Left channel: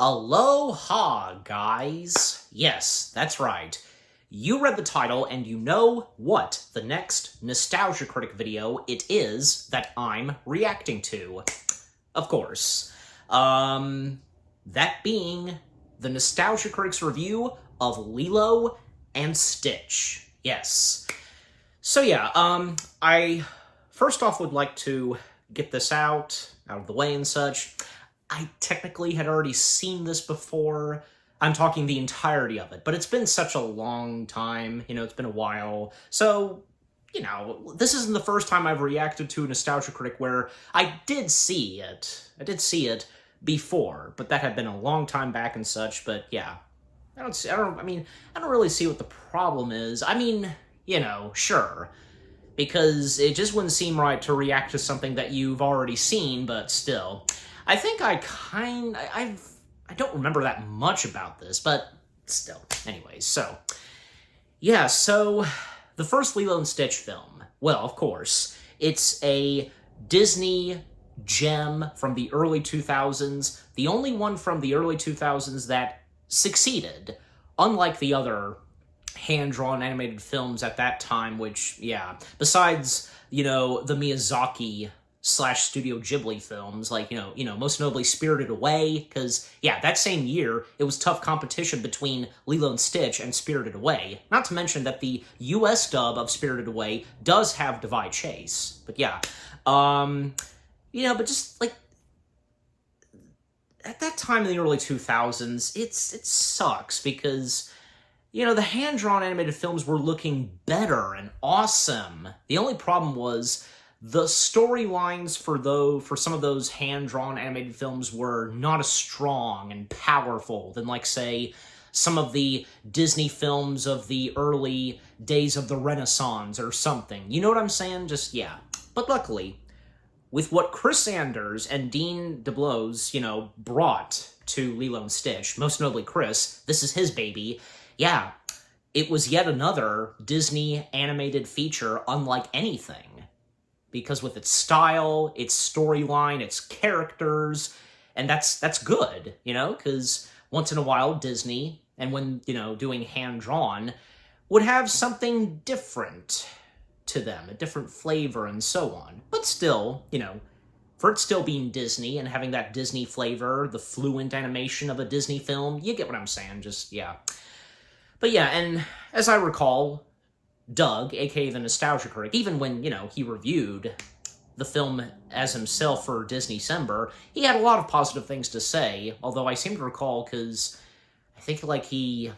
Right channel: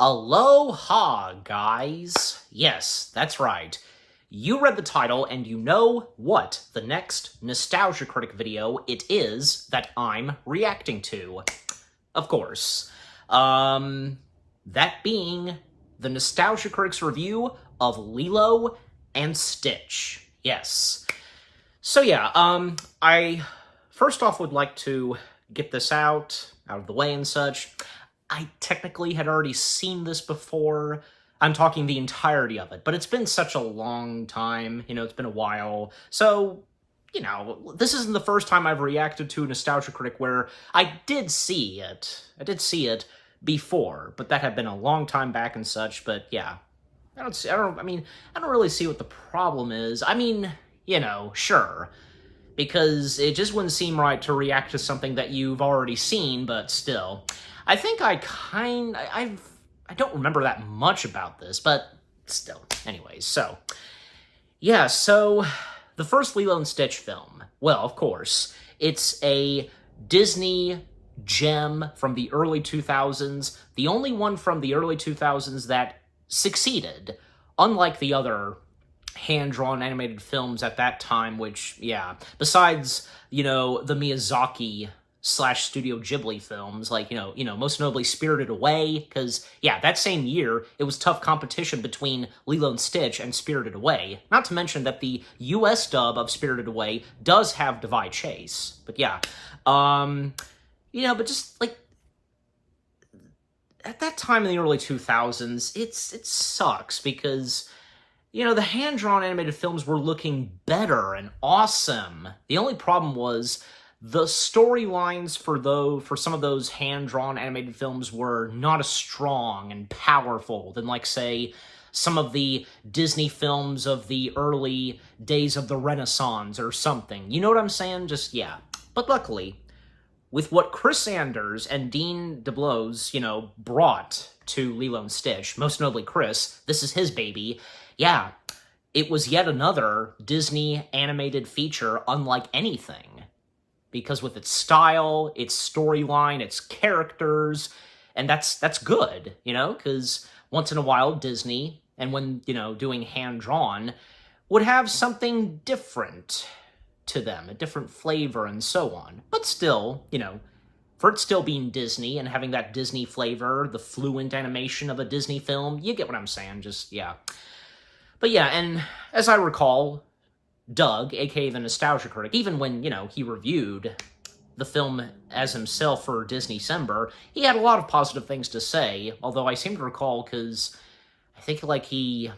Aloha, guys. Yes, that's right. You read the title and you know what the next Nostalgia Critic video it is that I'm reacting to. Of course. That being the Nostalgia Critic's review of Lilo and Stitch. Yes. So yeah, I first off would like to get this out of the way and such. I technically had already seen this before. I'm talking the entirety of it, but it's been such a long time, it's been a while. So, this isn't the first time I've reacted to a Nostalgia Critic where I did see it. I did see it before, but that had been a long time back and such, but yeah. I don't really see what the problem is. Sure. Because it just wouldn't seem right to react to something that you've already seen, but still. I think I don't remember that much about this, but still. Anyways, so the first Lilo and Stitch film. Well, of course, it's a Disney gem from the early 2000s, the only one from the early 2000s that succeeded, unlike the other hand-drawn animated films at that time, which, besides, the Miyazaki Studio Ghibli films, like, most notably Spirited Away, because, that same year, it was tough competition between Lilo and Stitch and Spirited Away. Not to mention that the US dub of Spirited Away does have Divide Chase. But but just, like, at that time in the early 2000s, it sucks, because the hand-drawn animated films were looking better and awesome. The only problem was the storylines for some of those hand-drawn animated films were not as strong and powerful than, like, say, some of the Disney films of the early days of the Renaissance or something. You know what I'm saying? But luckily, with what Chris Sanders and Dean DeBlois, brought to Lilo and Stitch, most notably Chris, this is his baby, it was yet another Disney animated feature unlike anything. Because with its style, its storyline, its characters, and that's good, because once in a while Disney, and when, doing hand-drawn, would have something different to them, a different flavor and so on. But still, for it still being Disney and having that Disney flavor, the fluent animation of a Disney film, you get what I'm saying, But and as I recall, Doug, aka the Nostalgia Critic, even when, he reviewed the film as himself for Disneycember, he had a lot of positive things to say, although I seem to recall, because I think, he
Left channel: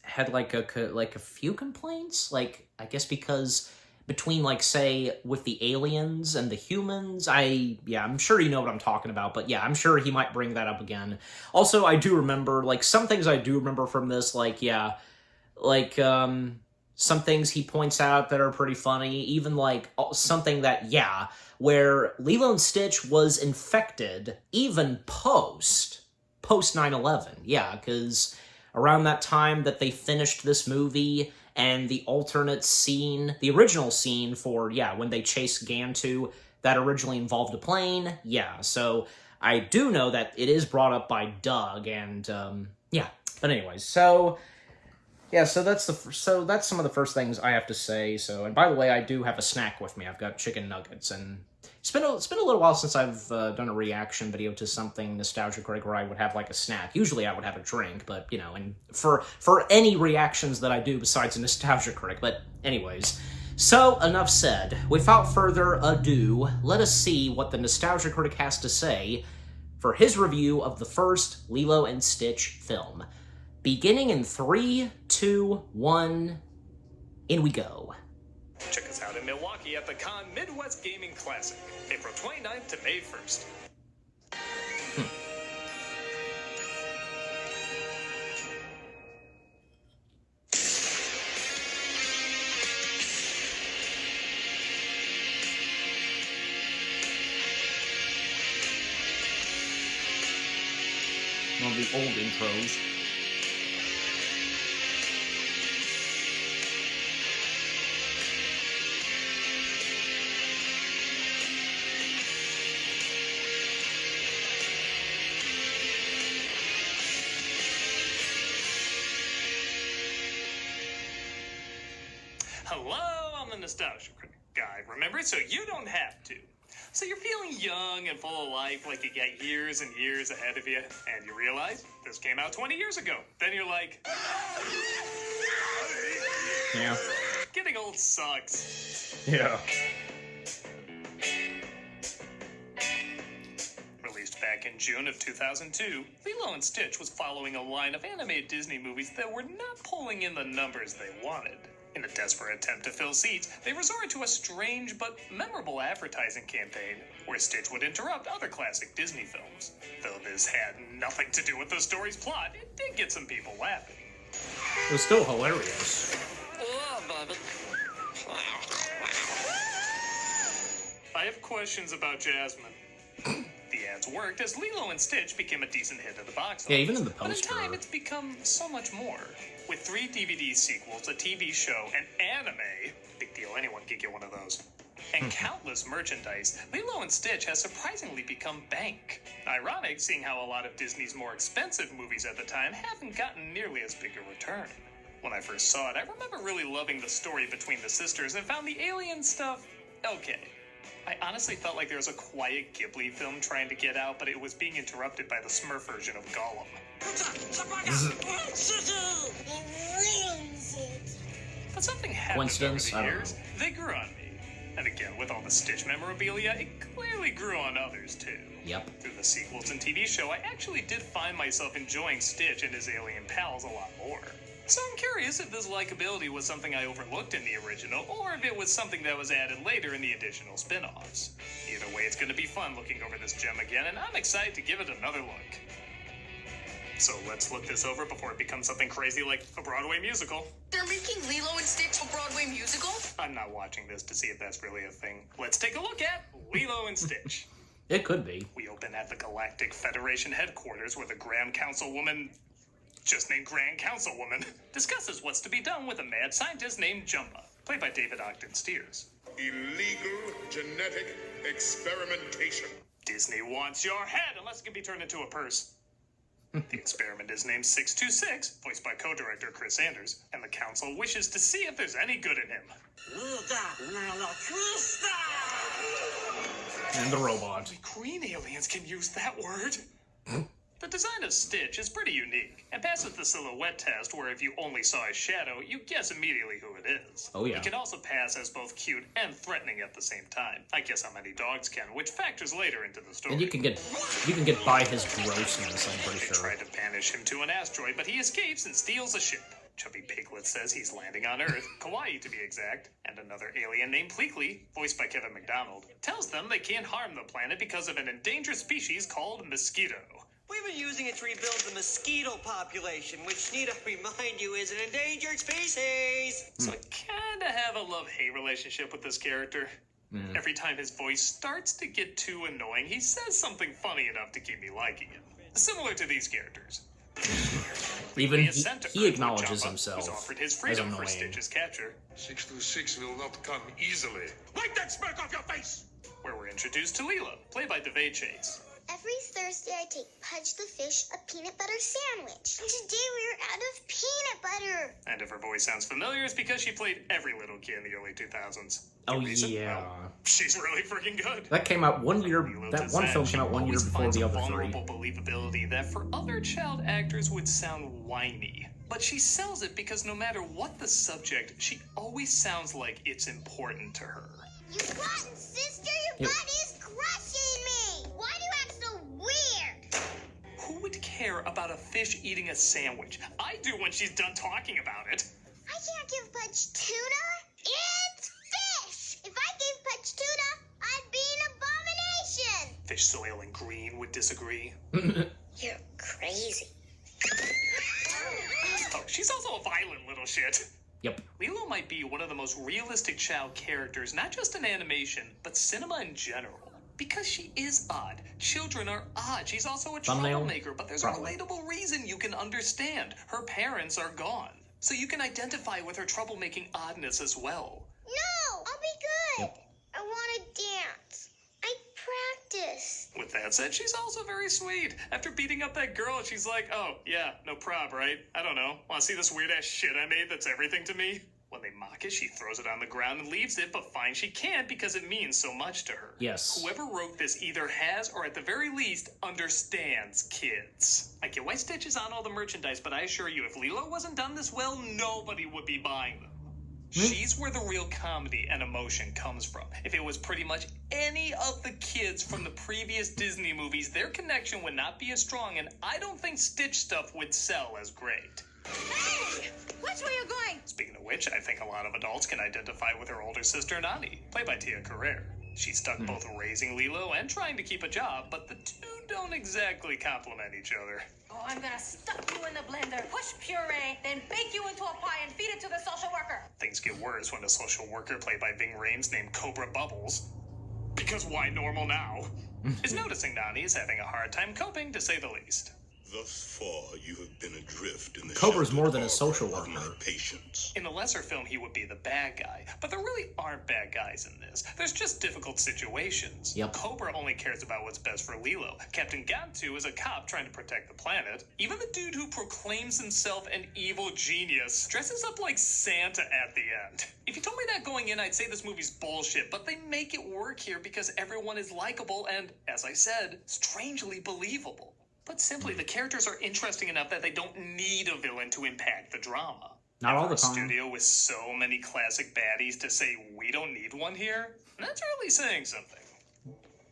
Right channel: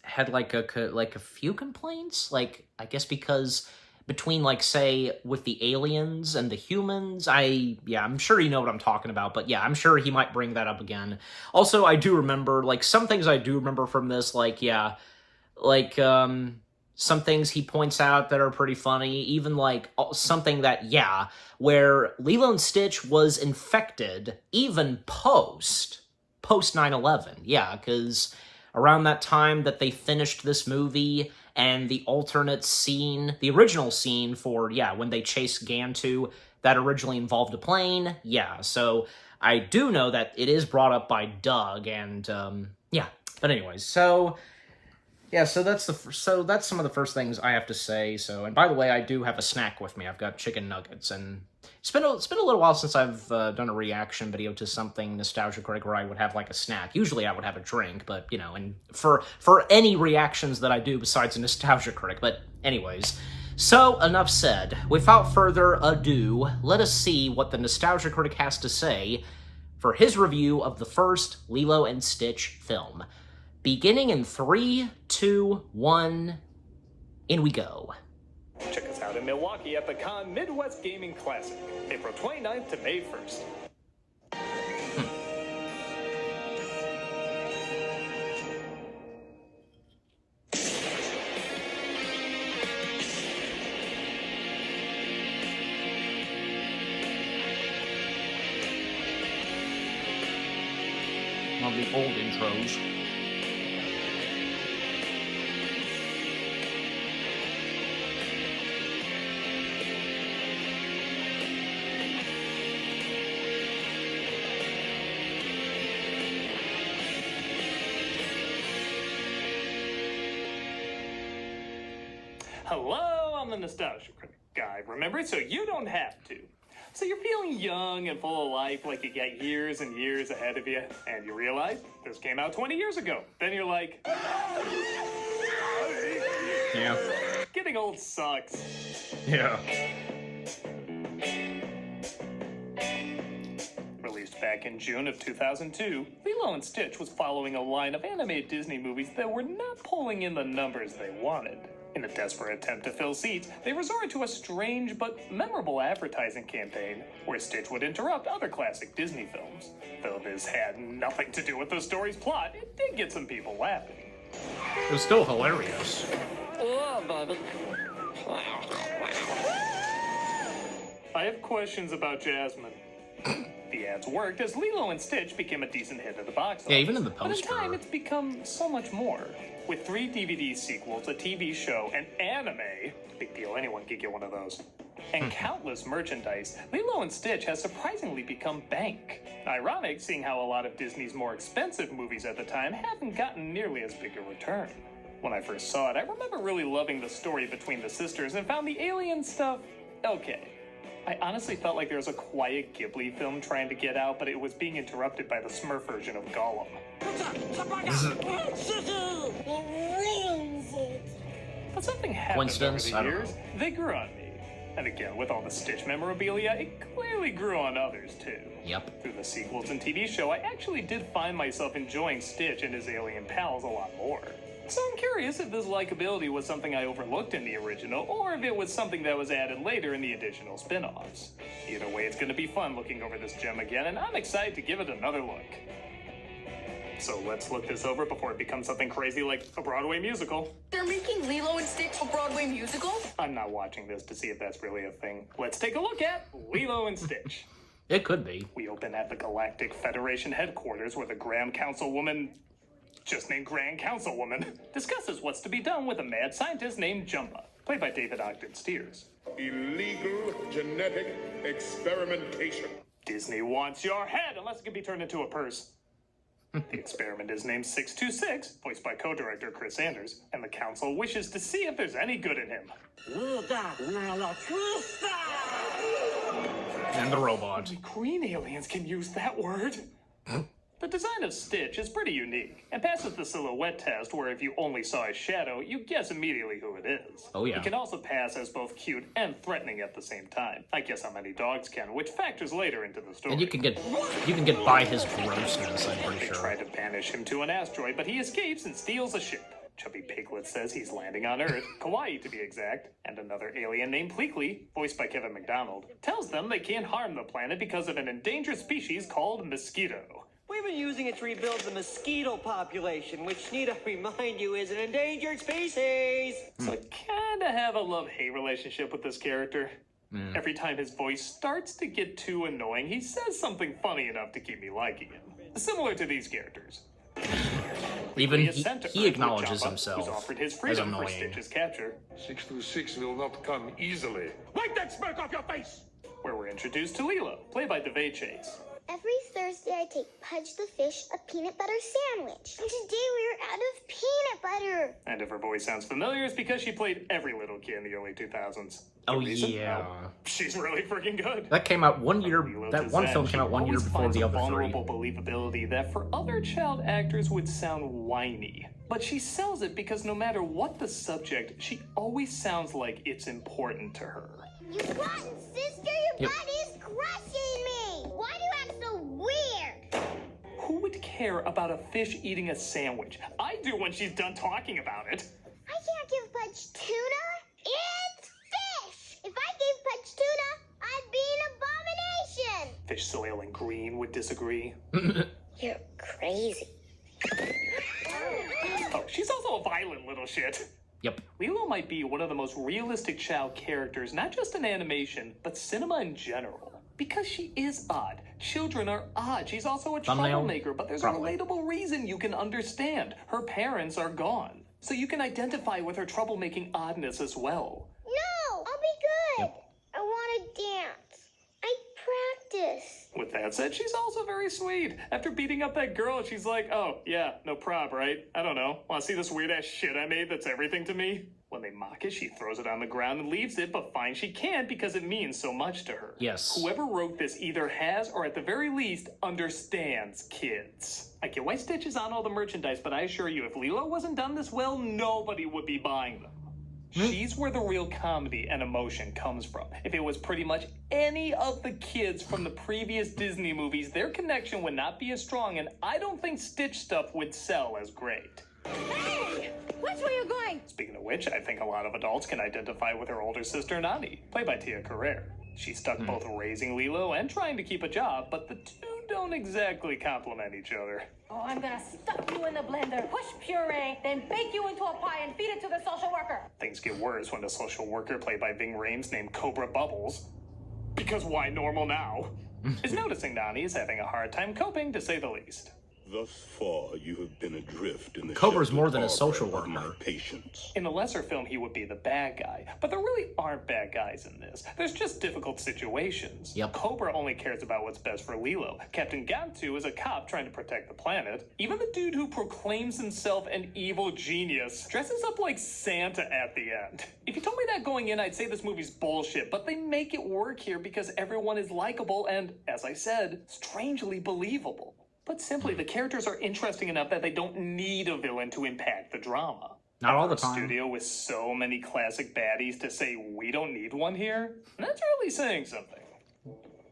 had, a few complaints? I guess because between, say, with the aliens and the humans, I'm sure you know what I'm talking about, but I'm sure he might bring that up again. Also, I do remember, some things I do remember from this, some things he points out that are pretty funny, even, something that, where Lilo and Stitch was infected even post 9/11, because around that time that they finished this movie, and the alternate scene, the original scene for, when they chased Gantu, that originally involved a plane, so I do know that it is brought up by Doug, and, but anyways, so that's some of the first things I have to say. So, and by the way, I do have a snack with me. I've got chicken nuggets, and it's been a little while since I've done a reaction video to something Nostalgia Critic where I would have, a snack. Usually I would have a drink, but, and for any reactions that I do besides a Nostalgia Critic. But anyways, so enough said. Without further ado, let us see what the Nostalgia Critic has to say for his review of the first Lilo and Stitch film. Beginning in 3, 2, 1, in we go. Check us out in Milwaukee at the Con Midwest Gaming Classic, April 29th to May 1st. One of the old intros. Hello, I'm the Nostalgia Critic guy, remember? So you don't have to. So you're feeling young and full of life, like you got years and years ahead of you, and you realize this came out 20 years ago. Then you're like, Yeah. getting old sucks. Yeah. Released back in June of 2002, Lilo and Stitch was following a line of animated Disney movies that were not pulling in the numbers they wanted. In a desperate attempt to fill seats, they resorted to a strange but memorable advertising campaign where Stitch would interrupt other classic Disney films. Though this had nothing to do with the story's plot, it did get some people laughing. It was still hilarious. Yeah, baby. I have questions about Jasmine. The ads worked as Lilo and Stitch became a decent hit at the box office. Yeah, even in the But poster. in time, it's become so much more. With 3 DVD sequels, a TV show, an anime, big deal, anyone could get one of those, and countless merchandise, Lilo and Stitch has surprisingly become bank. Ironic, seeing how a lot of Disney's more expensive movies at the time haven't gotten nearly as big a return. When I first saw it, I remember really loving the story between the sisters and found the alien stuff okay. I honestly felt like there was a quiet Ghibli film trying to get out, but it was being interrupted by the Smurf version of Gollum. But something happened Coincidence? over I the don't years. know. They grew on me. And again, with all the Stitch memorabilia, it clearly grew on others too. Yep. Through the sequels and TV show, I actually did find myself enjoying Stitch and his alien pals a lot more. So I'm curious if this likability was something I overlooked in the original, or if it was something that was added later in the additional spin-offs. Either way, it's going to be fun looking over this gem again, and I'm excited to give it another look. So let's look this over before it becomes something crazy like a Broadway musical. They're making Lilo and Stitch a Broadway musical? I'm not watching this to see if that's really a thing. Let's take a look at Lilo and Stitch. It could be. We open at the Galactic Federation headquarters where the Grand Councilwoman, just named Grand Councilwoman, discusses what's to be done with a mad scientist named Jumba, played by David Ogden Stiers. Illegal genetic experimentation. Disney wants your head unless it can be turned into a purse. The experiment is named 626, voiced by co-director Chris Sanders, and the council wishes to see if there's any good in him. And the robot. Only green aliens can use that word. The design of Stitch is pretty unique, and passes the silhouette test where if you only saw his shadow, you guess immediately who it is. Oh, yeah. It can also pass as both cute and threatening at the same time. I guess how many dogs can, which factors later into the story. And you can get by his grossness, I'm pretty They sure. try to banish him to an asteroid, but he escapes and steals a ship. Chubby Piglet says he's landing on Earth, Kauai to be exact, and another alien named Pleakley, voiced by Kevin McDonald, tells them they can't harm the planet because of an endangered species called mosquito. We've been using it to rebuild the mosquito population, which, need I remind you, is an endangered species. So I kinda have a love-hate relationship with this character. Every time his voice starts to get too annoying, he says something funny enough to keep me liking him. Similar to these characters. Even He is sent to he Earth, acknowledges where Jabba was himself offered his as freedom for annoying. Stitch's capture, 626 will not come easily. Wipe that smirk off your face! where we're introduced to Lilo, played by DeVay Chase. Every Thursday, I take Pudge the Fish a peanut butter sandwich. And today we're out of peanut butter. And if her voice sounds familiar, it's because she played every little kid in the early 2000s. Oh, The reason? yeah. Well, she's really freaking good. That came out 1 year. Lilo That one Tizan, film she came out 1 year always before finds the a other three. vulnerable believability that for other child actors would sound whiny. But she sells it because no matter what the subject, she always sounds like it's important to her. You what, sister? Your Yep. butt is crushing me. Why do you act so weird? Who would care about a fish eating a sandwich? I do when she's done talking about it. I can't give Pudge tuna. It's fish. If I gave Pudge tuna, I'd be an abomination. Fish, soil, and green would disagree. You're crazy. Oh, she's also a violent little shit. Yep. Lilo might be one of the most realistic child characters, not just in animation, but cinema in general. Because she is odd. Children are odd. She's also a Thumbnail? troublemaker, but there's Probably. a relatable reason you can understand. Her parents are gone. So you can identify with her troublemaking oddness as well. No, I'll be good. Yep. I want to dance. I practice. With that said, she's also very sweet. After beating up that girl, she's like, oh, yeah, no prob, right? I don't know. Want to see this weird-ass shit I made that's everything to me? When When they mock it, she throws it on the ground and leaves it, but fine she can't because it means so much to her. Yes. Whoever wrote this either has, or at the very least, understands kids. I get why Stitch is on all the merchandise, but I assure you, if Lilo wasn't done this well, nobody would be buying them. She's where the real comedy and emotion comes from. If it was pretty much any of the kids from the previous Disney movies, their connection would not be as strong, and I don't think Stitch stuff would sell as great. Hey! Which way are you going? Speaking of which, I think a lot of adults can identify with her older sister, Nani, played by Tia Carrere. She's stuck both raising Lilo and trying to keep a job, but the two don't exactly complement each other. Oh, I'm gonna stuff you in the blender, push puree, then bake you into a pie and feed it to the social worker. Things get worse when the social worker, played by Ving Rhames, named Cobra Bubbles, because why normal now, is noticing Nani is having a hard time coping, to say the least. Thus far, you have been adrift in the Cobra's sheltered more than a harbor social of my worker. patience. In the lesser film, he would be the bad guy, but there really aren't bad guys in this. There's just difficult situations. Yep. Cobra only cares about what's best for Lilo. Captain Gantu is a cop trying to protect the planet. Even the dude who proclaims himself an evil genius dresses up like Santa at the end. If you told me that going in, I'd say this movie's bullshit, but they make it work here because everyone is likable and, as I said, strangely believable. Put simply, the characters are interesting enough that they don't need a villain to impact the drama. Not all the A time. studio with so many classic baddies to say we don't need one here? That's really saying something.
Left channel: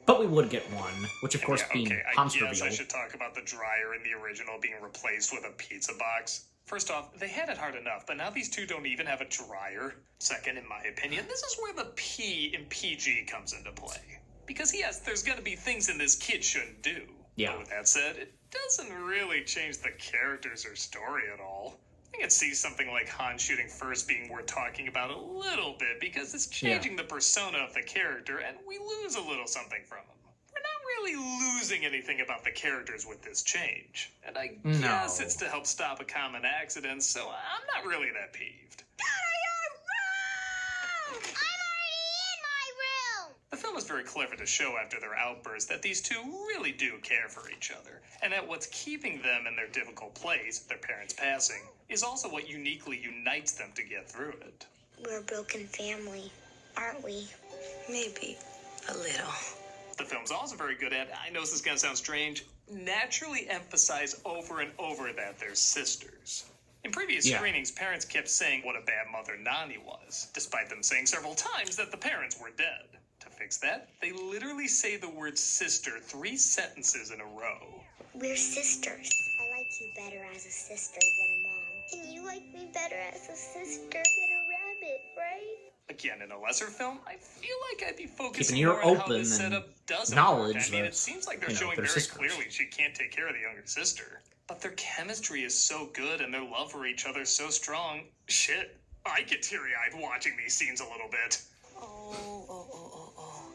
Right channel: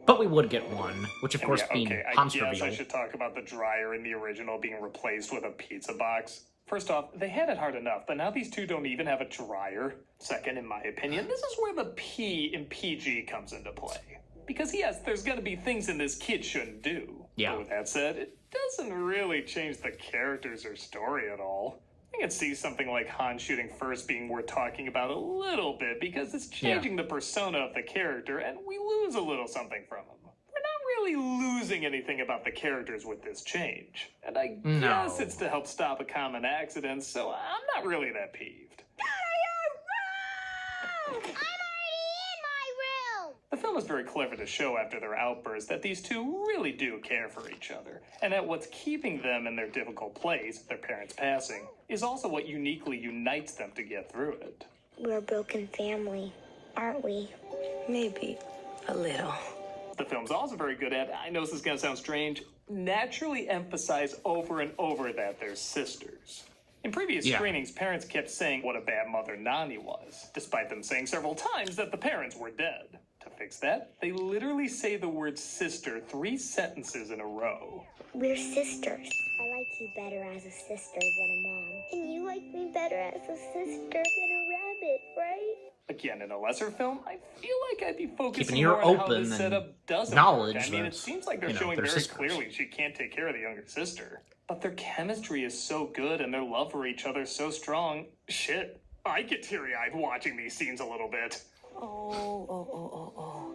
But we would get one, which of course Yeah, being okay, I Hans guess I reveal. should talk about the dryer in the original being replaced with a pizza box. First off, they had it hard enough, but now these two don't even have a dryer. Second, in my opinion, this is where the P in PG comes into play. Because yes, there's gonna be things in this kid shouldn't do. Yeah. But with that said, it doesn't really change the characters or story at all. I can see something like Han shooting first being worth talking about a little bit because it's changing the persona of the character and we lose a little something from him. We're not really losing anything about the characters with this change. And I guess it's to help stop a common accident, so I'm not really that peeved. I'm already in my room! The film is very clever to show after their outburst that these two really do care for each other, and that what's keeping them in their difficult place, their parents passing, is also what uniquely unites them to get through it. We're a broken family, aren't we? Maybe a little. The film's also very good at, I know this is going to sound strange, naturally emphasize over and over that they're sisters. In previous screenings, parents kept saying what a bad mother Nani was, despite them saying several times that the parents were dead. To fix that, they literally say the word sister 3 sentences in a row. We're sisters. I like you better as a sister than a mom. And you like me better as a sister than a rabbit, right? Again, in a lesser film, I feel like I'd be focusing Keep an ear more on how open this and setup doesn't knowledge work. I mean, that, it seems like they're you know, showing they're very sisters. clearly she can't take care of the younger sister. But their chemistry is so good and their love for each other so strong. Shit, I get teary-eyed watching these scenes a little bit. Oh.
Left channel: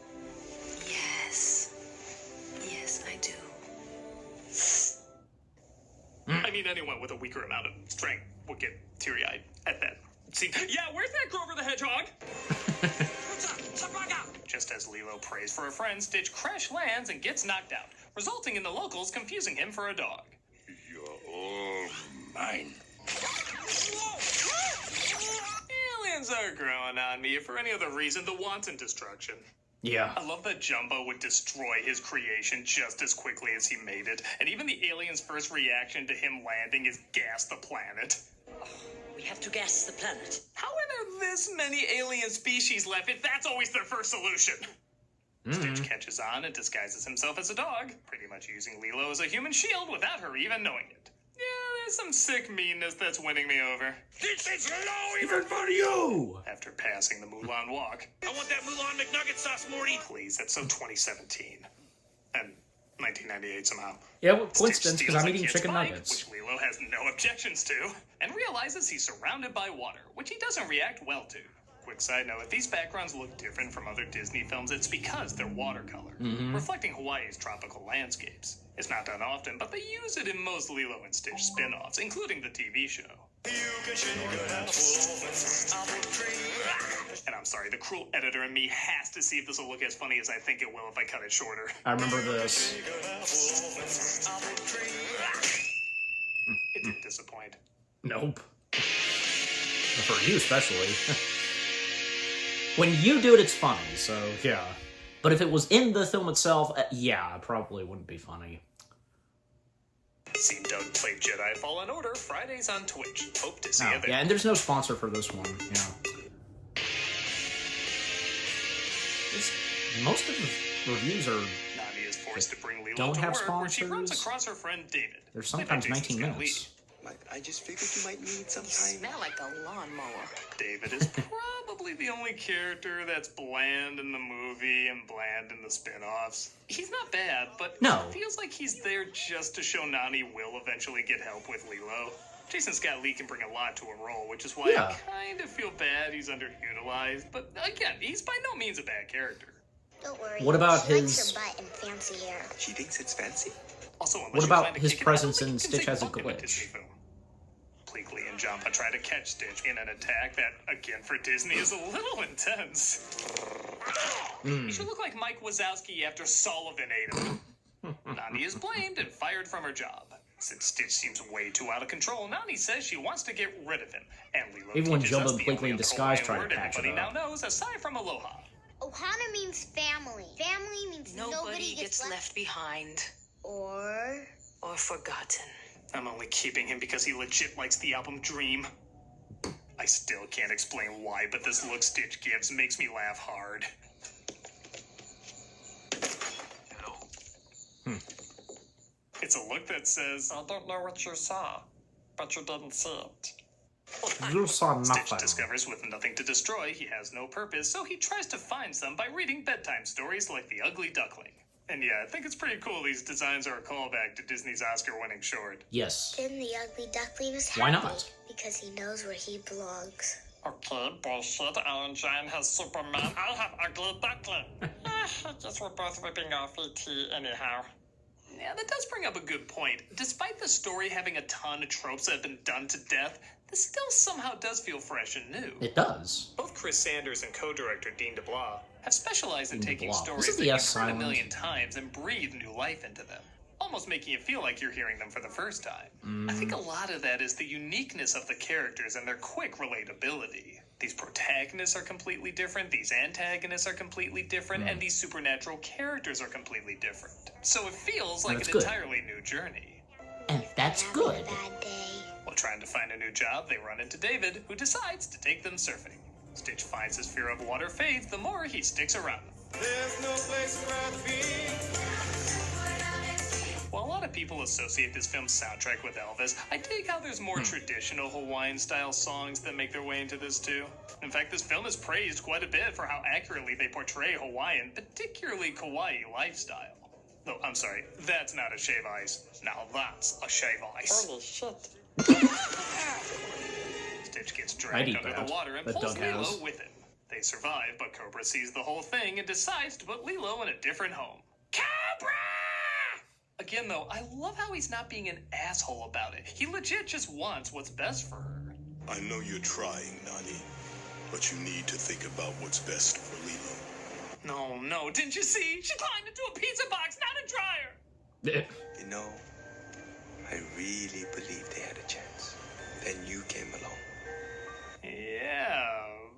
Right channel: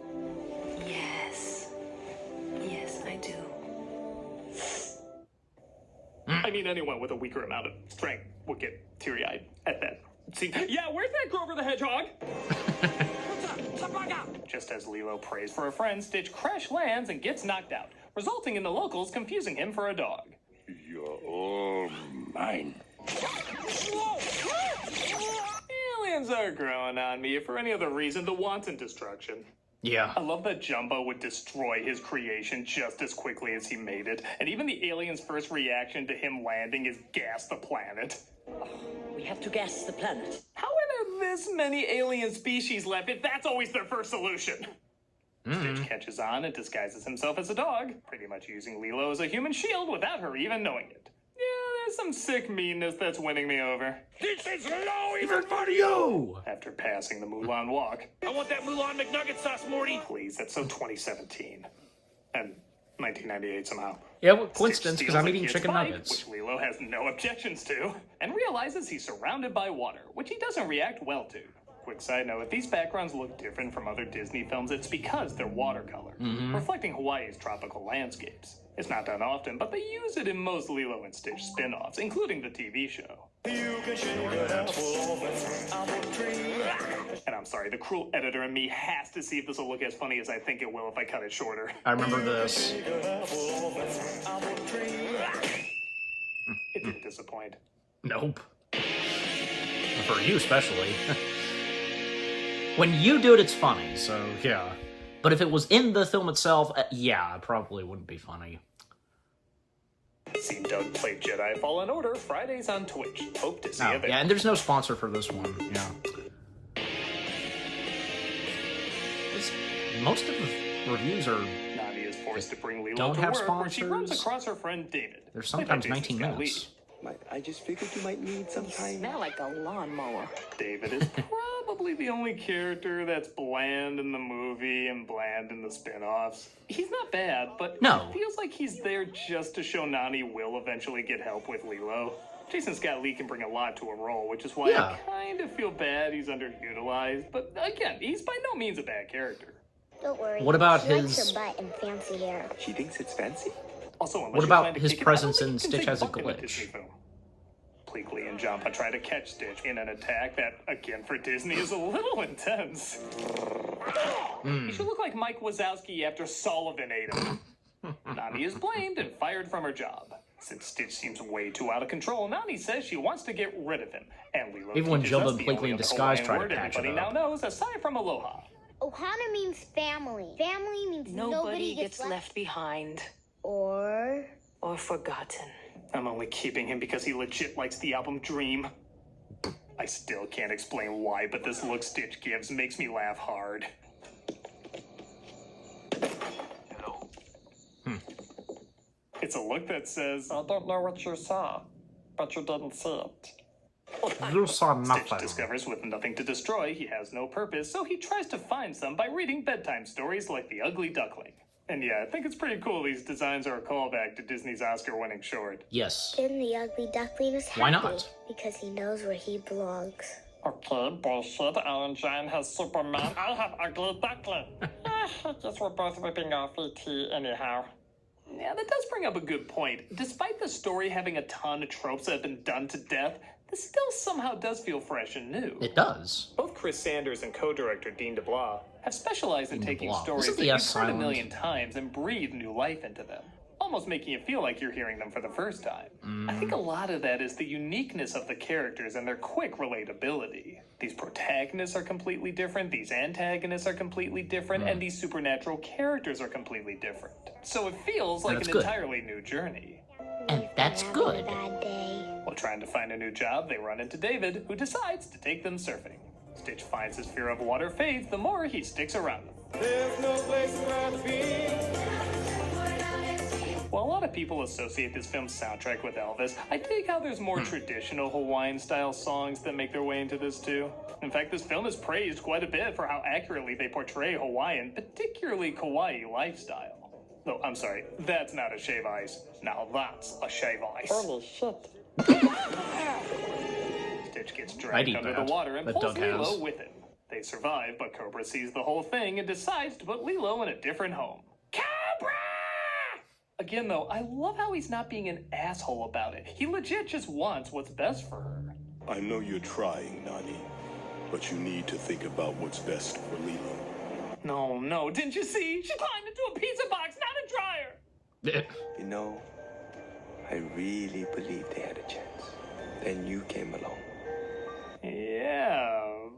Yes. Yes, I do. I mean, anyone with a weaker amount of strength would get teary-eyed at that scene. Yeah, where's that Grover the Hedgehog? Just as Lilo prays for a friend, Stitch crash lands and gets knocked out, resulting in the locals confusing him for a dog. You're all mine. Aliens are growing on me, if for any other reason, the wanton destruction. Yeah. I love that Jumbo would destroy his creation just as quickly as he made it, and even the alien's first reaction to him landing is gas the planet. We have to gas the planet. How are there this many alien species left if that's always their first solution? Stitch catches on and disguises himself as a dog, pretty much using Lilo as a human shield without her even knowing it. Yeah, there's some sick meanness that's winning me over. This is low! Even for you! After passing the Mulan walk. I want that Mulan McNugget sauce, Morty! Please, that's so 2017. And 1998 somehow. Yeah, well, Stitch coincidence, because steals I'm a eating kid's chicken bike, nuggets. which Lilo has no objections to, and realizes he's surrounded by water, which he doesn't react well to. Quick side note, if these backgrounds look different from other Disney films, it's because they're watercolor, reflecting Hawaii's tropical landscapes. It's not done often, but they use it in most Lilo and Stitch spin-offs, including the TV show. And I'm sorry, the cruel editor in me has to see if this will look as funny as I think it will if I cut it shorter. I remember this. It didn't disappoint. Nope. For you, especially. When you do it, it's funny, so yeah. But if it was in the film itself, yeah, it probably wouldn't be funny. See Doug play Jedi Fallen Order Fridays on Twitch. Hope to see Oh, you there. yeah, and there's no sponsor for this one, yeah. Most of the reviews are... Nani is forced to bring Lilo don't to have work, where she runs sponsors. across her friend David. They're sometimes 19 minutes. I just figured you might need some time. Smell like a lawnmower. David is probably the only character that's bland in the movie and bland in the spin-offs. He's not bad, but No. it feels like he's there just to show Nani will eventually get help with Lilo. Jason Scott Lee can bring a lot to a role, which is why Yeah. I kind of feel bad he's underutilized. But again, he's by no means a bad character. Don't worry. What about she likes his- her butt and fancy hair. She thinks it's fancy. Also, unless What you're about trying to his kick it presence out, in you can Stitch say has a welcome to glitch? Disney film. Pleakley and Jumpa try to catch Stitch in an attack that, again, for Disney is a little intense. You should look like Mike Wazowski after Sullivan ate him. Nani is blamed and fired from her job. Since Stitch seems way too out of control, Nani says she wants to get rid of him. And Lilo Even when teaches Jumba us and the Pleakley only in disguise Hawaiian try to word patch it everybody up. now knows, aside from aloha. Ohana means family. Family means Nobody gets left behind or or forgotten. I'm only keeping him because he legit likes the album Dream. I still can't explain why, but this look Stitch gives makes me laugh hard. It's a look that says, I don't know what you saw, but you didn't see it. You saw Stitch nothing. discovers with nothing to destroy, he has no purpose, so he tries to find some by reading bedtime stories like The Ugly Duckling. And yeah, I think it's pretty cool these designs are a callback to Disney's Oscar-winning short. Yes. then the ugly duckling is happy. Why not? Because he knows where he belongs. Okay, bullshit. Alan John has Superman. I have Ugly Duckling. I guess we're both ripping off E.T. anyhow. Yeah, that does bring up a good point. Despite the story having a ton of tropes that have been done to death, this still somehow does feel fresh and new. It does. Both Chris Sanders and co-director Dean DeBlois have specialized in Dean taking DeBlois. stories This is that the you've S heard a silent. million times and breathe new life into them, almost making it feel like you're hearing them for the first time. I think a lot of that is the uniqueness of the characters and their quick relatability. These protagonists are completely different, these antagonists are completely different, and these supernatural characters are completely different. So it feels like an that's good. entirely new journey. And that's Having good. a bad day. While trying to find a new job, they run into David, who decides to take them surfing. Stitch finds his fear of water fades the more he sticks around them. There's no place I'd rather be. While a lot of people associate this film's soundtrack with Elvis, I dig how there's more traditional Hawaiian-style songs that make their way into this too. In fact, this film is praised quite a bit for how accurately they portray Hawaiian, particularly Kauai lifestyle. Though, I'm sorry, that's not a shave ice. Now that's a shave ice. Holy shit. Stitch gets I'd dragged eat under that, the water and but pulls Doug Lilo has. with him. They survive, but Cobra sees the whole thing and decides to put Lilo in a different home. Cobra! Again, though, I love how he's not being an asshole about it. He legit just wants what's best for her. I know you're trying, Nani, but you need to think about what's best for Lilo. No, didn't you see? She climbed into a pizza box, not a dryer! You know, I really believed they had a chance. Then you came along. Yeah,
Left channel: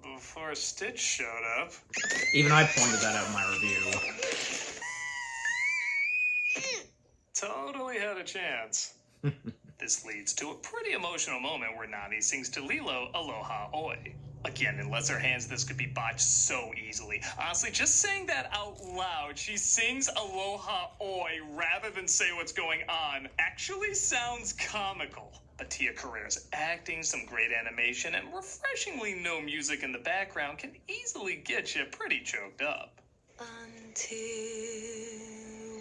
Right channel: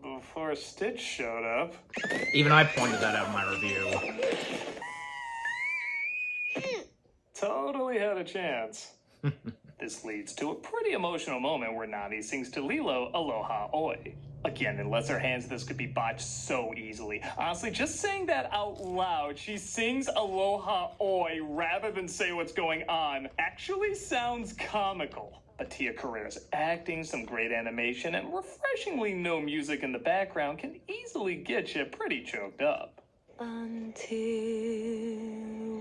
before Stitch showed up. Even I pointed that out in my review. Totally had a chance. This leads to a pretty emotional moment where Nani sings to Lilo Aloha Oi. Again, in lesser hands, this could be botched so easily. Honestly, just saying that out loud, she sings Aloha Oi rather than say what's going on, actually sounds comical. But Tia Carrere's acting, some great animation, and refreshingly no music in the background can easily get you pretty choked up. Until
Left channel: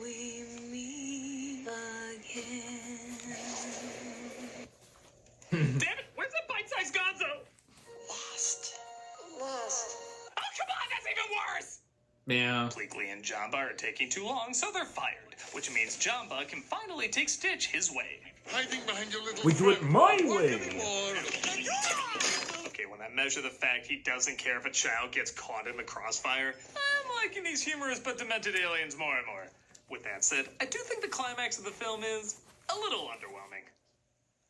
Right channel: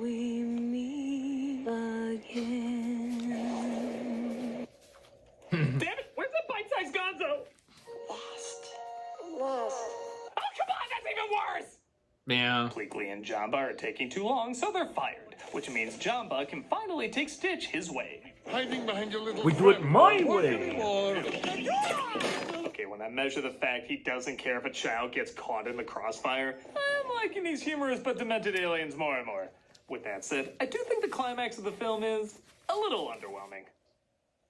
we meet again. Damn it, where's that bite-sized gonzo? Lost. Oh, come on, that's even worse! Yeah. Pleakley and Jamba are taking too long, so they're fired, which means Jamba can finally take Stitch his way. Hiding behind your little We do it friend. my way. Okay, when I measure the fact he doesn't care if a child gets caught in the crossfire, I'm liking these humorous but demented aliens more and more. With that said, I do think the climax of the film is a little underwhelming.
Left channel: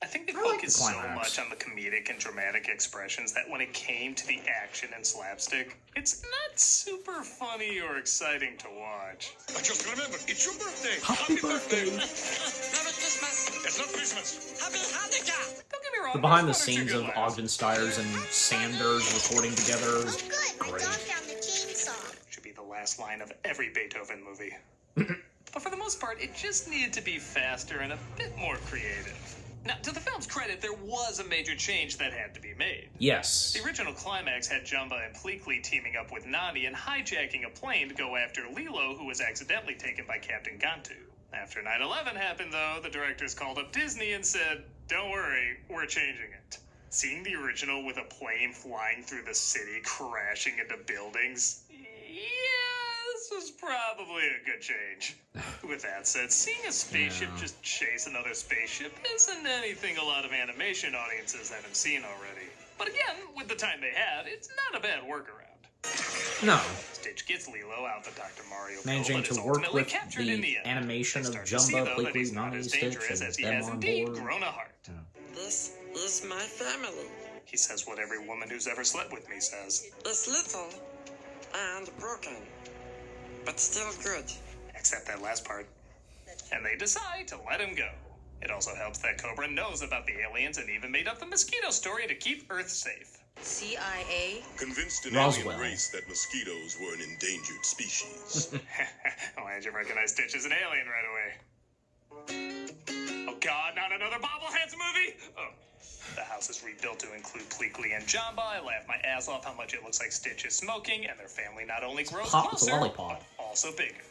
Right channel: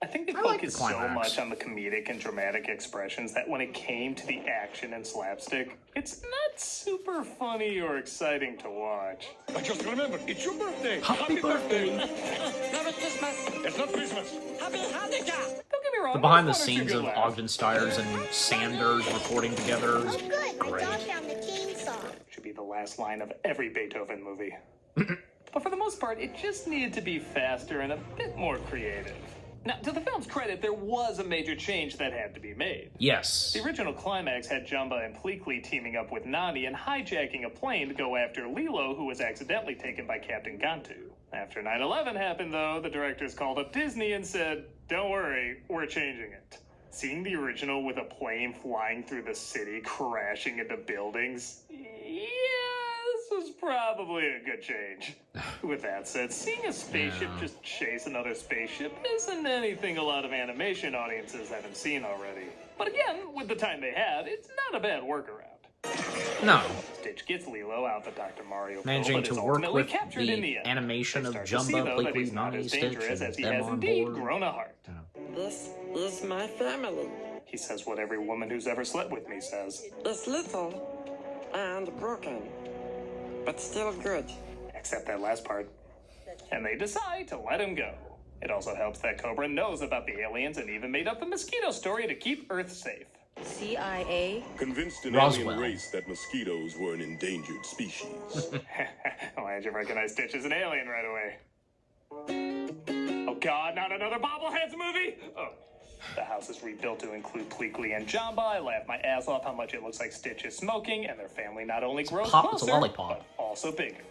I think they I like the focused so climax. much on the comedic and dramatic expressions that when it came to the action and slapstick, it's not super funny or exciting to watch. But just remember, it's your birthday. Happy birthday! Merry Christmas. It's not Christmas. Happy Hanukkah. Don't get me wrong. The behind the there's one or two scenes good of laughs. Ogden Stiers and Sanders recording together is Good. great. They found the chainsaw. Should be the last line of every Beethoven movie. But for the most part, it just needed to be faster and a bit more creative. Now, to the film's credit, there was a major change that had to be made. Yes. The original Climax had Jumba and Pleakley teaming up with Nani and hijacking a plane to go after Lilo, who was accidentally taken by Captain Gantu. After 9/11 happened, though, the directors called up Disney and said, "Don't worry, we're changing it." Seeing the original with a plane flying through the city, crashing into buildings, this was probably a good change. With that said, seeing a spaceship Yeah. just chase another spaceship isn't anything a lot of animation audiences haven't seen already. But again, with the time they had, it's not a bad workaround. No. Stitch gets Lilo out to Dr. Mario. Managing but to is work ultimately with captured in the end. animation of Start to see, Jumba, though, that he's Pleakley, not Nani, as Stitch, dangerous and as he them has on indeed board. grown a heart. This is my family. He says what every woman who's ever slept with me says. It's little and broken, but still good. Except that last part. And they decide to let him go. It also helps that Cobra knows about the aliens and even made up the mosquito story to keep Earth safe. CIA? Convinced an Roswell. alien race that mosquitoes were an endangered species. Why did you recognize Stitch as an alien right away? Oh god, not another Bobbleheads movie? Oh. The house is rebuilt to include Pleakley and Jamba. I laugh my ass off how much it looks like Stitch is smoking, and their family not only grows Pop, it's a closer, lollipop. but also bigger.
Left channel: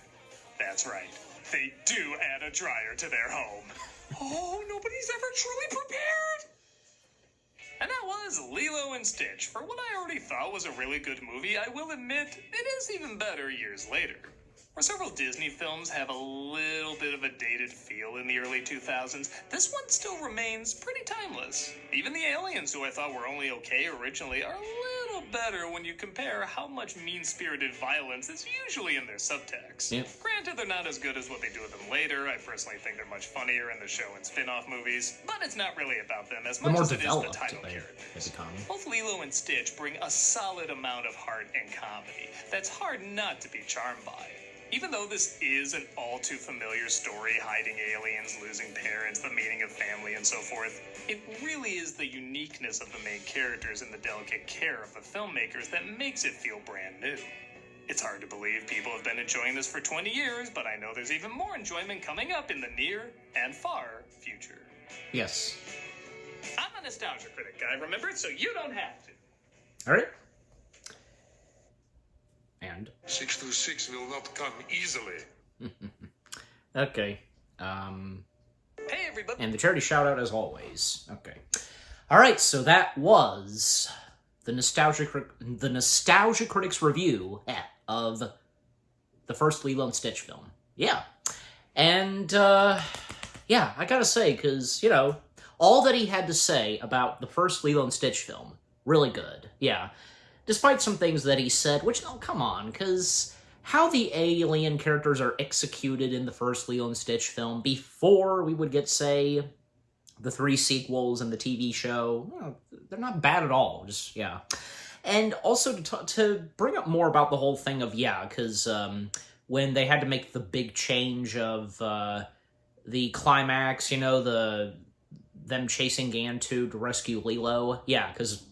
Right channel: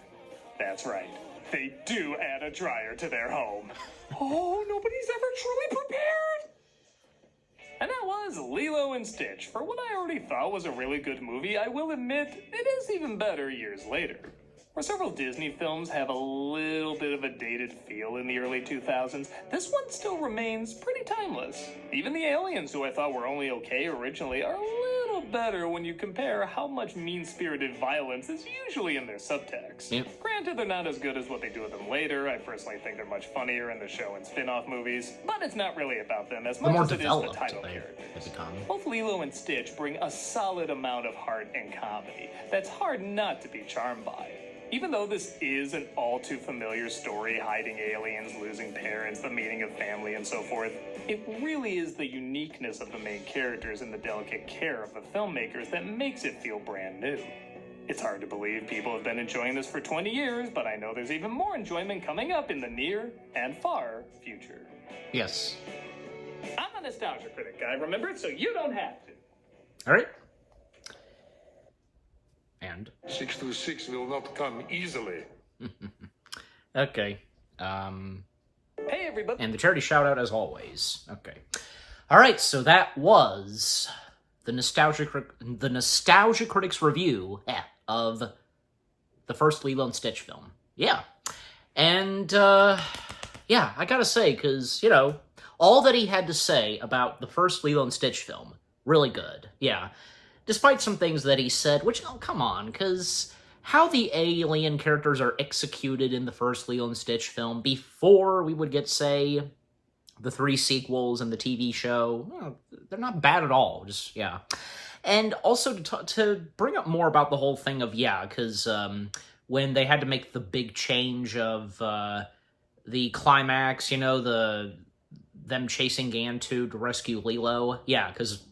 That's right. They do add a dryer to their home. Oh, nobody's ever truly prepared! And that was Lilo and Stitch. For what I already thought was a really good movie, I will admit it is even better years later. Where several Disney films have a little bit of a dated feel in the early 2000s, this one still remains pretty timeless. Even the aliens, who I thought were only okay originally, are a little better when you compare how much mean-spirited violence is usually in their subtext. Yep. Granted, they're not as good as what they do with them later. I personally think they're much funnier in the show and spin-off movies, but it's not really about them as The much more as it is the developed title they characters. have become. Both Lilo and Stitch bring a solid amount of heart and comedy that's hard not to be charmed by. Even though this is an all-too-familiar story, hiding aliens, losing parents, the meaning of family, and so forth, it really is the uniqueness of the main characters and the delicate care of the filmmakers that makes it feel brand new. It's hard to believe people have been enjoying this for 20 years, but I know there's even more enjoyment coming up in the near and far future. Yes. I'm a nostalgia critic guy, remember, so you don't have to. All right. And 626 will not come easily. okay. Hey, everybody. And the charity shout out as always. Okay. All right. So that was the Nostalgia Critics review of the first Lilo and Stitch film. Yeah. And yeah, I gotta say, because all that he had to say about the first Lilo and Stitch film, really good. Yeah. Despite some things that he said, which, oh, come on, because how the alien characters are executed in the first Lilo and Stitch film before we would get, say, the 3 sequels and the TV show, they're not bad at all, just, yeah. And also to bring up more about the whole thing of, because when they had to make the big change of the climax, them chasing Gantu to rescue Lilo, because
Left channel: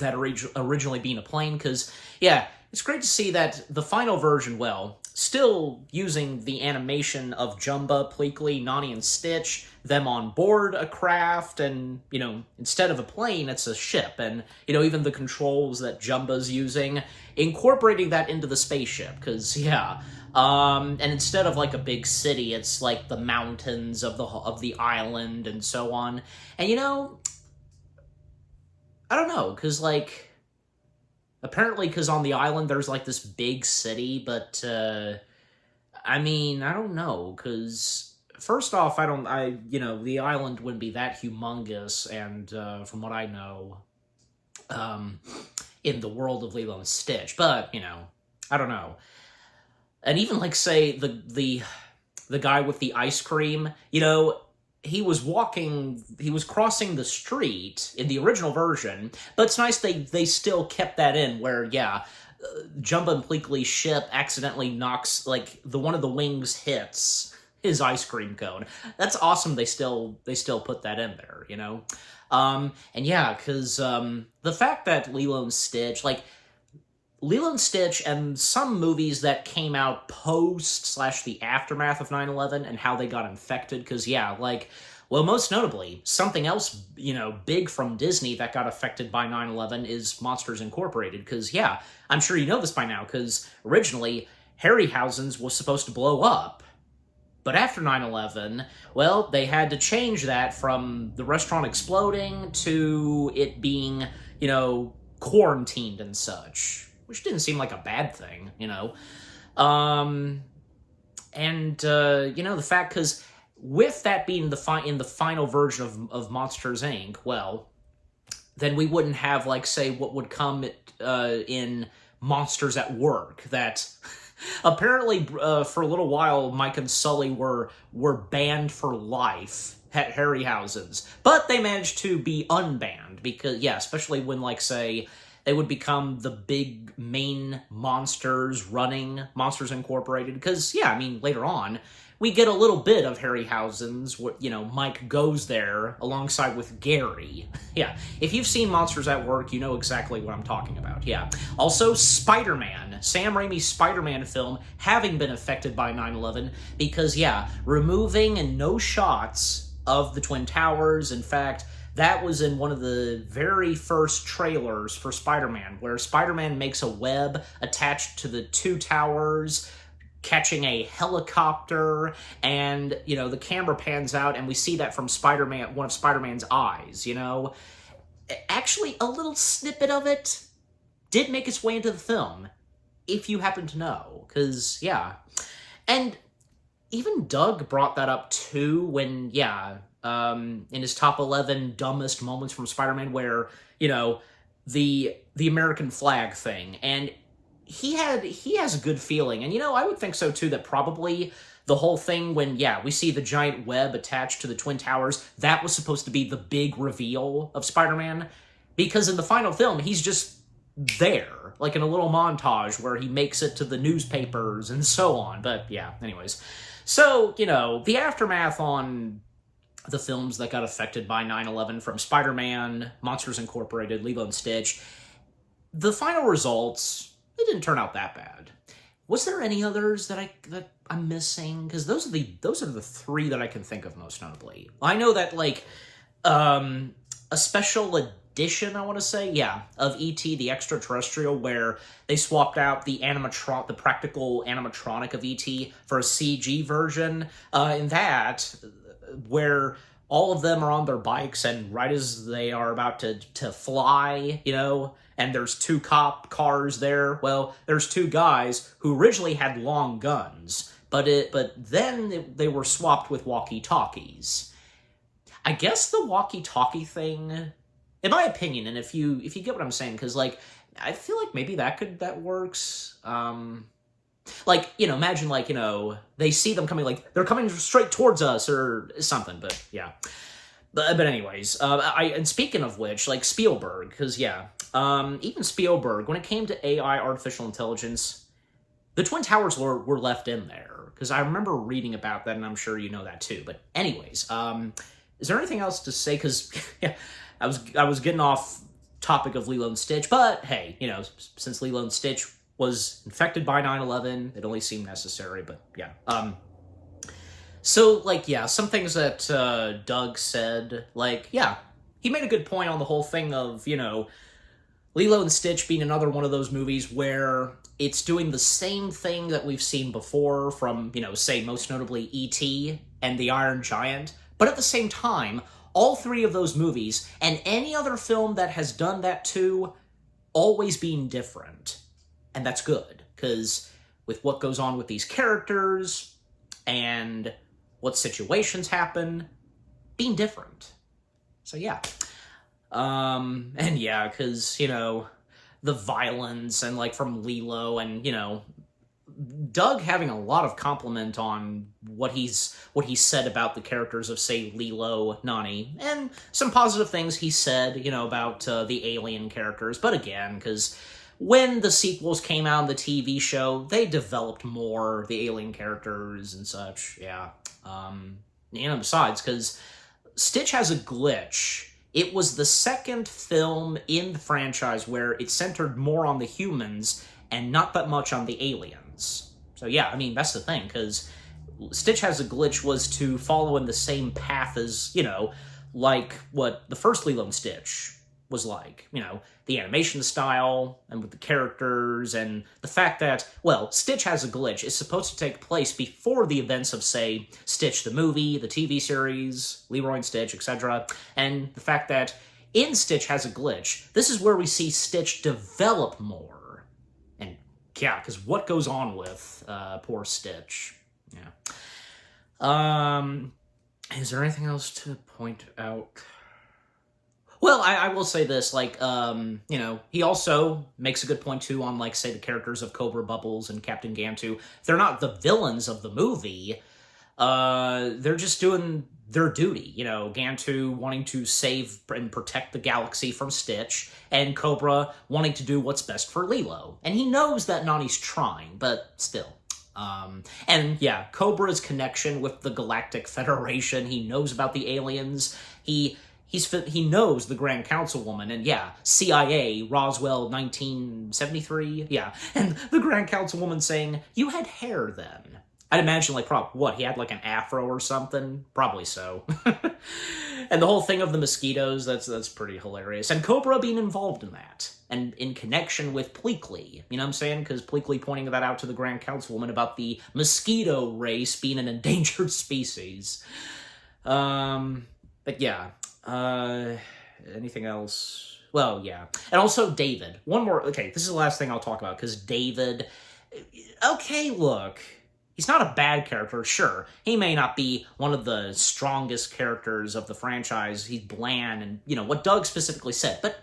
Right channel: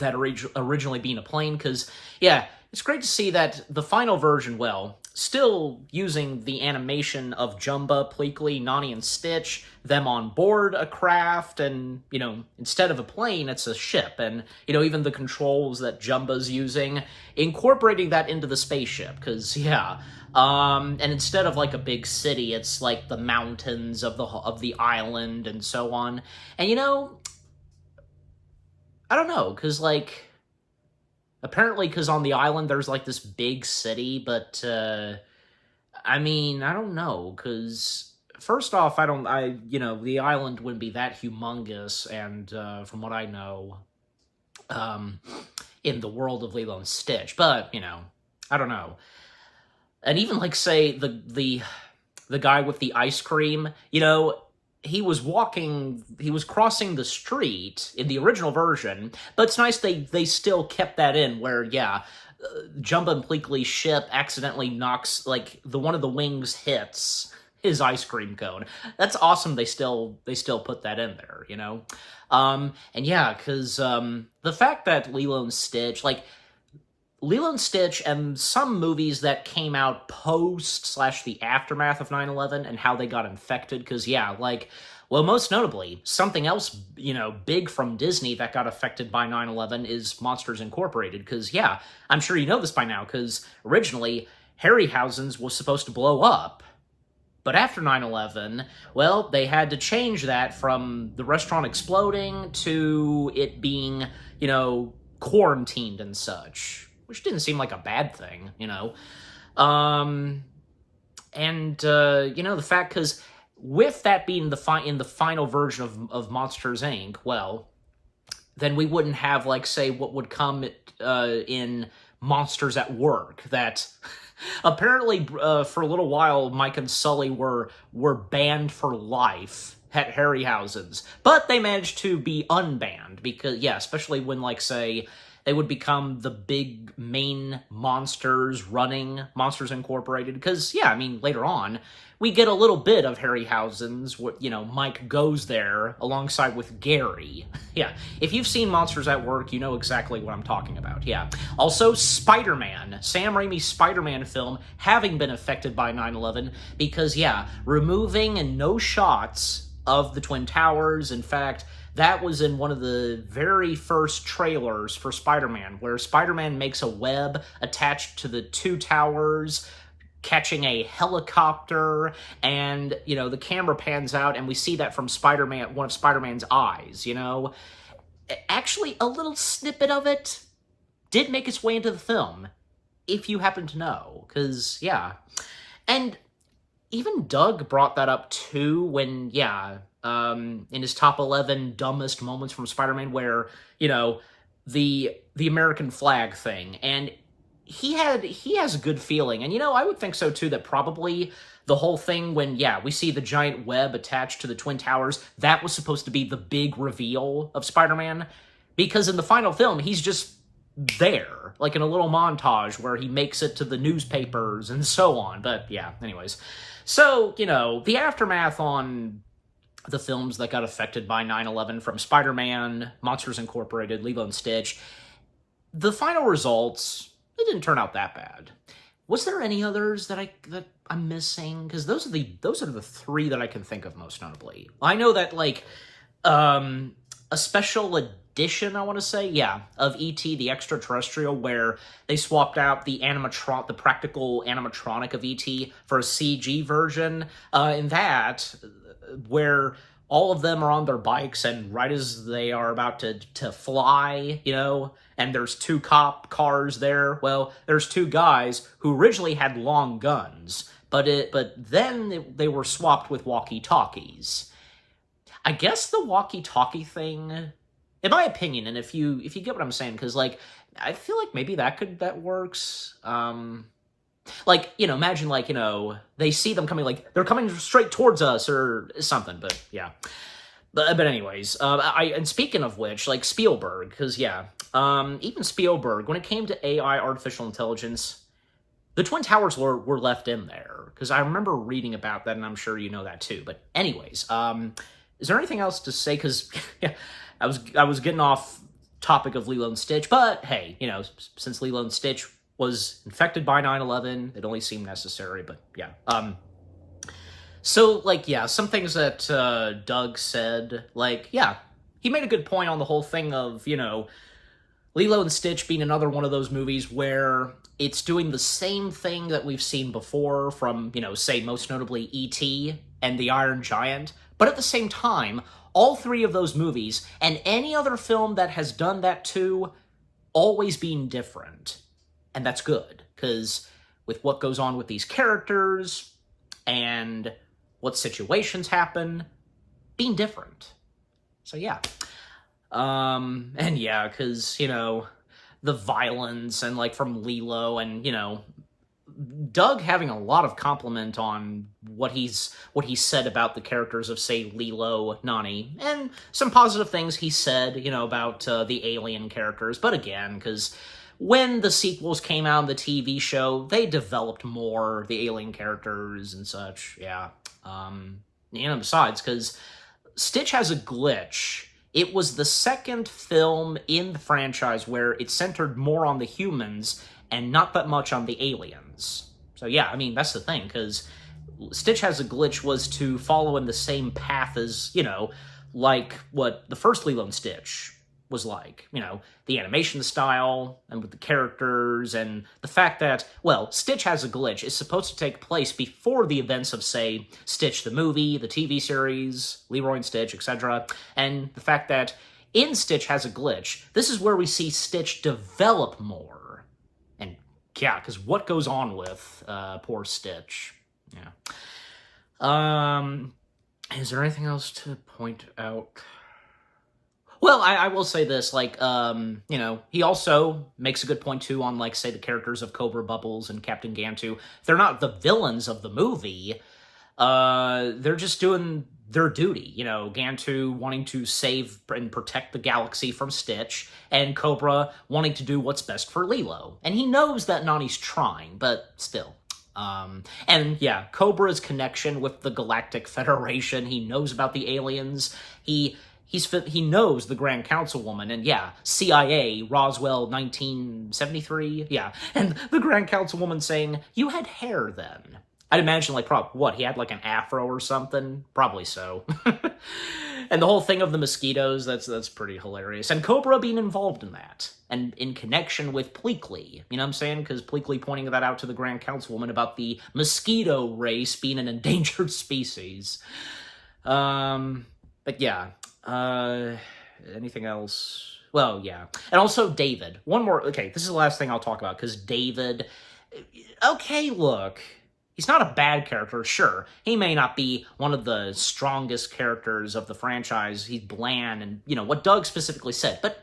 that originally being a plane, because, it's great to see that the final version, still using the animation of Jumba, Pleakley, Nani, and Stitch, them on board a craft, and, instead of a plane, it's a ship, and, even the controls that Jumba's using, incorporating that into the spaceship, because, and instead of, like, a big city, it's, like, the mountains of the island, and so on, and, I don't know, because, like, apparently because on the island there's, like, this big city, but, I mean, I don't know, because, first off, the island wouldn't be that humongous, and, from what I know, in the world of Lilo and Stitch, but, I don't know. And even, like, say, the guy with the ice cream, he was crossing the street in the original version, but it's nice they still kept that in where, yeah, Jumba and Pleakley's ship accidentally knocks, like, one of the wings hits his ice cream cone. That's awesome they still put that in there, you know? And yeah, because the fact that Lilo and Stitch, like, Lilo and Stitch and some movies that came out post / the aftermath of 9/11 and how they got infected, because yeah, like, well, most notably, something else, you know, big from Disney that got affected by 9/11 is Monsters Incorporated, because yeah, I'm sure you know this by now, because originally, Harryhausen's was supposed to blow up, but after 9/11, well, they had to change that from the restaurant exploding to it being, you know, quarantined and such, which didn't seem like a bad thing, you know. You know, the fact, because with that being in the final version of Monsters, Inc., well, then we wouldn't have, like, say, what would come in Monsters at Work, that apparently for a little while Mike and Sully were banned for life at Harryhausen's, but they managed to be unbanned, because, yeah, especially when, like, say, they would become the big main monsters running Monsters Incorporated, because, yeah, I mean, later on, we get a little bit of Harryhausen's, you know, Mike goes there alongside with Gary. Yeah, if you've seen Monsters at Work, you know exactly what I'm talking about, yeah. Also, Spider-Man, Sam Raimi's Spider-Man film, having been affected by 9/11, because, yeah, removing and no shots of the Twin Towers. In fact, that was in one of the very first trailers for Spider-Man, where Spider-Man makes a web attached to the two towers, catching a helicopter, and, you know, the camera pans out, and we see that from Spider-Man, one of Spider-Man's eyes, you know? Actually, a little snippet of it did make its way into the film, if you happen to know, because, yeah. And even Doug brought that up, too, when, yeah, in his top 11 dumbest moments from Spider-Man, where, you know, the American flag thing, and he has a good feeling, and, you know, I would think so, too, that probably the whole thing when, yeah, we see the giant web attached to the Twin Towers, that was supposed to be the big reveal of Spider-Man, because in the final film, he's just there, like in a little montage where he makes it to the newspapers and so on, but, yeah, anyways. So, you know, the aftermath on the films that got affected by 9/11, from Spider-Man, Monsters Incorporated, Lilo and Stitch, the final results, they didn't turn out that bad. Was there any others that I'm missing? Because those are the three that I can think of most notably. I know that, like, a special edition, I want to say, yeah, of E.T. the Extraterrestrial, where they swapped out the practical animatronic of E.T. for a CG version. In that, where all of them are on their bikes, and right as they are about to fly, you know, and there's two cop cars there, well, there's two guys who originally had long guns, but then they were swapped with walkie-talkies. I guess the walkie-talkie thing, in my opinion, and if you get what I'm saying, because, like, I feel like maybe that works. Like, you know, imagine, like, you know, they see them coming, like, they're coming straight towards us or something, but, yeah. But anyways, and speaking of which, like, Spielberg, because, yeah, even Spielberg, when it came to AI, artificial intelligence, the Twin Towers were left in there, because I remember reading about that, and I'm sure you know that, too. But anyways, is there anything else to say? Because, yeah, I was getting off topic of Lilo and Stitch, but, hey, you know, since Lilo and Stitch was infected by 9/11, it only seemed necessary, but yeah. So, like, yeah, some things that Doug said, like, yeah, he made a good point on the whole thing of, you know, Lilo and Stitch being another one of those movies where it's doing the same thing that we've seen before from, you know, say, most notably E.T. and The Iron Giant, but at the same time, all three of those movies, and any other film that has done that too, always being different. And that's good, because with what goes on with these characters, and what situations happen, being different. So yeah. And yeah, because, you know, the violence, and, like, from Lilo, and, you know, Doug having a lot of compliment on what he said about the characters of, say, Lilo, Nani, and some positive things he said, about the alien characters. But again, because when the sequels came out in the TV show, they developed more the alien characters and such. Yeah. Besides, because Stitch Has a Glitch, it was the second film in the franchise where it centered more on the humans and not that much on the aliens. So yeah, I mean, that's the thing, because Stitch Has a Glitch was to follow in the same path as, like what the first Lilo and Stitch was like. The animation style, and with the characters, and the fact that, well, Stitch Has a Glitch is supposed to take place before the events of, say, Stitch the movie, the TV series, Leroy and Stitch, etc., and the fact that in Stitch Has a Glitch, this is where we see Stitch develop more. And, yeah, because what goes on with poor Stitch? Yeah. Is there anything else to point out? Well, I will say this, he also makes a good point, too, on, say, the characters of Cobra Bubbles and Captain Gantu. They're not the villains of the movie. They're just doing their duty. Gantu wanting to save and protect the galaxy from Stitch, and Cobra wanting to do what's best for Lilo. And he knows that Nani's trying, but still. And yeah, Cobra's connection with the Galactic Federation, he knows about the aliens, he knows the Grand Councilwoman, and yeah, CIA, Roswell 1973, yeah, and the Grand Councilwoman saying, "You had hair then." I'd imagine, he had, an afro or something? Probably so. And the whole thing of the mosquitoes, that's pretty hilarious. And Cobra being involved in that, and in connection with Pleakley, you know what I'm saying? Because Pleakley pointing that out to the Grand Councilwoman about the mosquito race being an endangered species. But yeah, anything else? Well, yeah. And also David. One more, okay, this is the last thing I'll talk about, because David, okay, look, he's not a bad character, sure. He may not be one of the strongest characters of the franchise. He's bland and, what Doug specifically said. But,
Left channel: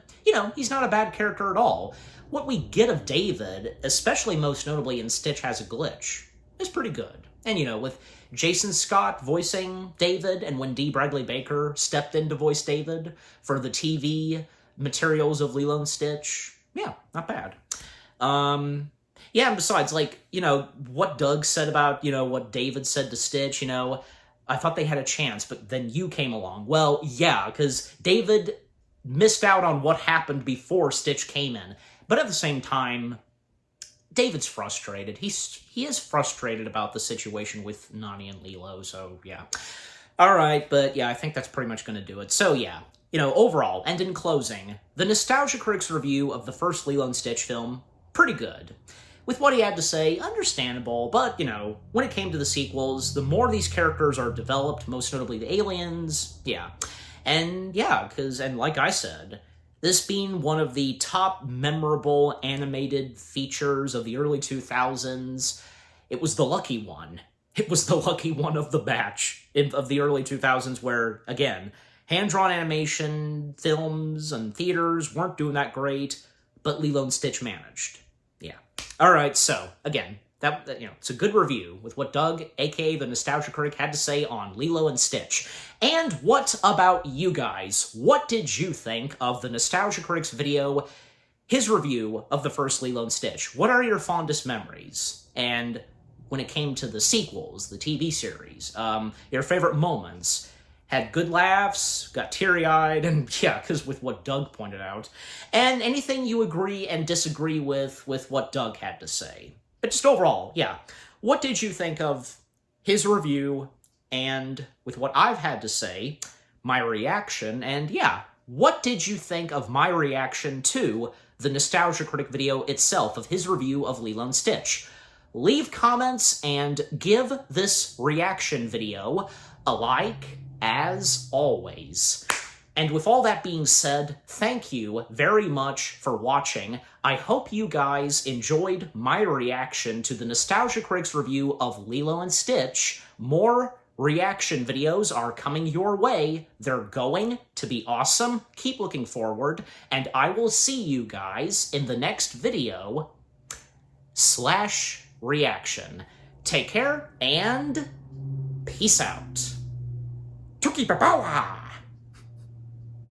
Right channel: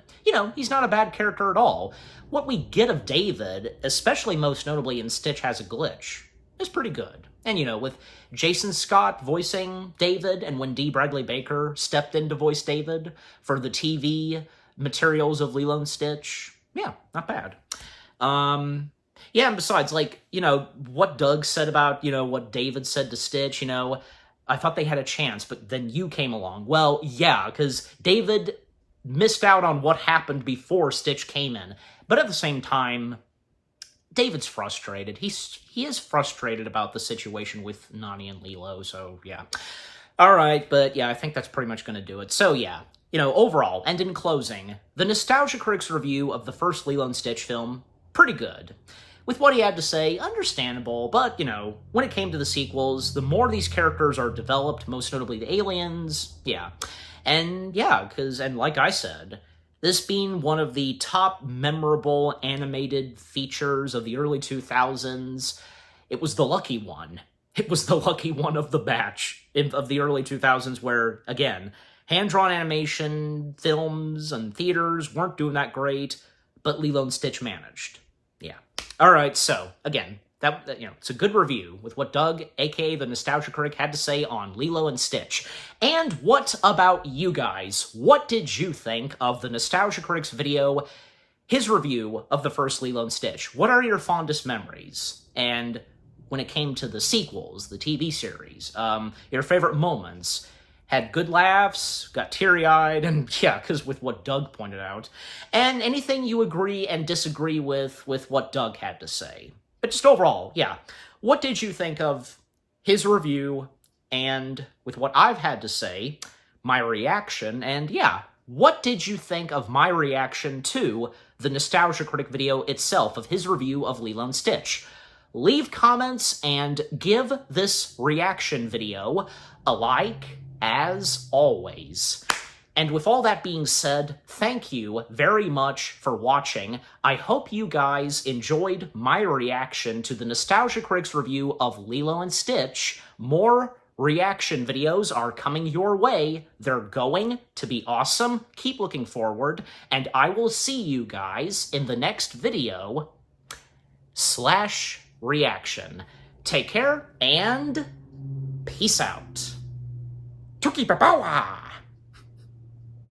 he's not a bad character at all. What we get of David, especially most notably in Stitch Has a Glitch, is pretty good. And, with Jason Scott voicing David, and when Dee Bradley Baker stepped in to voice David for the TV materials of Lilo and Stitch, yeah, not bad. Yeah, and besides, what Doug said about, what David said to Stitch, I thought they had a chance, but then you came along. Well, yeah, because David missed out on what happened before Stitch came in. But at the same time, David's frustrated. He is frustrated about the situation with Nani and Lilo, so yeah. All right, but yeah, I think that's pretty much going to do it. So yeah, overall, and in closing, the Nostalgia Critic's review of the first Lilo and Stitch film, pretty good. With what he had to say, understandable, but, when it came to the sequels, the more these characters are developed, most notably the aliens, yeah. And yeah, and like I said, this being one of the top memorable animated features of the early 2000s, it was the lucky one. It was the lucky one of the batch of the early 2000s where, again, hand-drawn animation, films, and theaters weren't doing that great, but Lilo and Stitch managed. Yeah. All right, so, again, that it's a good review with what Doug, a.k.a. the Nostalgia Critic, had to say on Lilo and Stitch. And what about you guys? What did you think of the Nostalgia Critic's video, his review of the first Lilo and Stitch? What are your fondest memories? And when it came to the sequels, the TV series, your favorite moments? Had good laughs, got teary-eyed, and yeah, because with what Doug pointed out. And anything you agree and disagree with what Doug had to say. But just overall, yeah. What did you think of his review, and with what I've had to say, my reaction, and yeah, what did you think of my reaction to the Nostalgia Critic video itself of his review of Lilo and Stitch? Leave comments and give this reaction video a like, as always. And with all that being said, thank you very much for watching. I hope you guys enjoyed my reaction to the Nostalgia Critic's review of Lilo and Stitch. More reaction videos are coming your way. They're going to be awesome. Keep looking forward, and I will see you guys in the next video / reaction. Take care, and peace out. Tuki Papawa!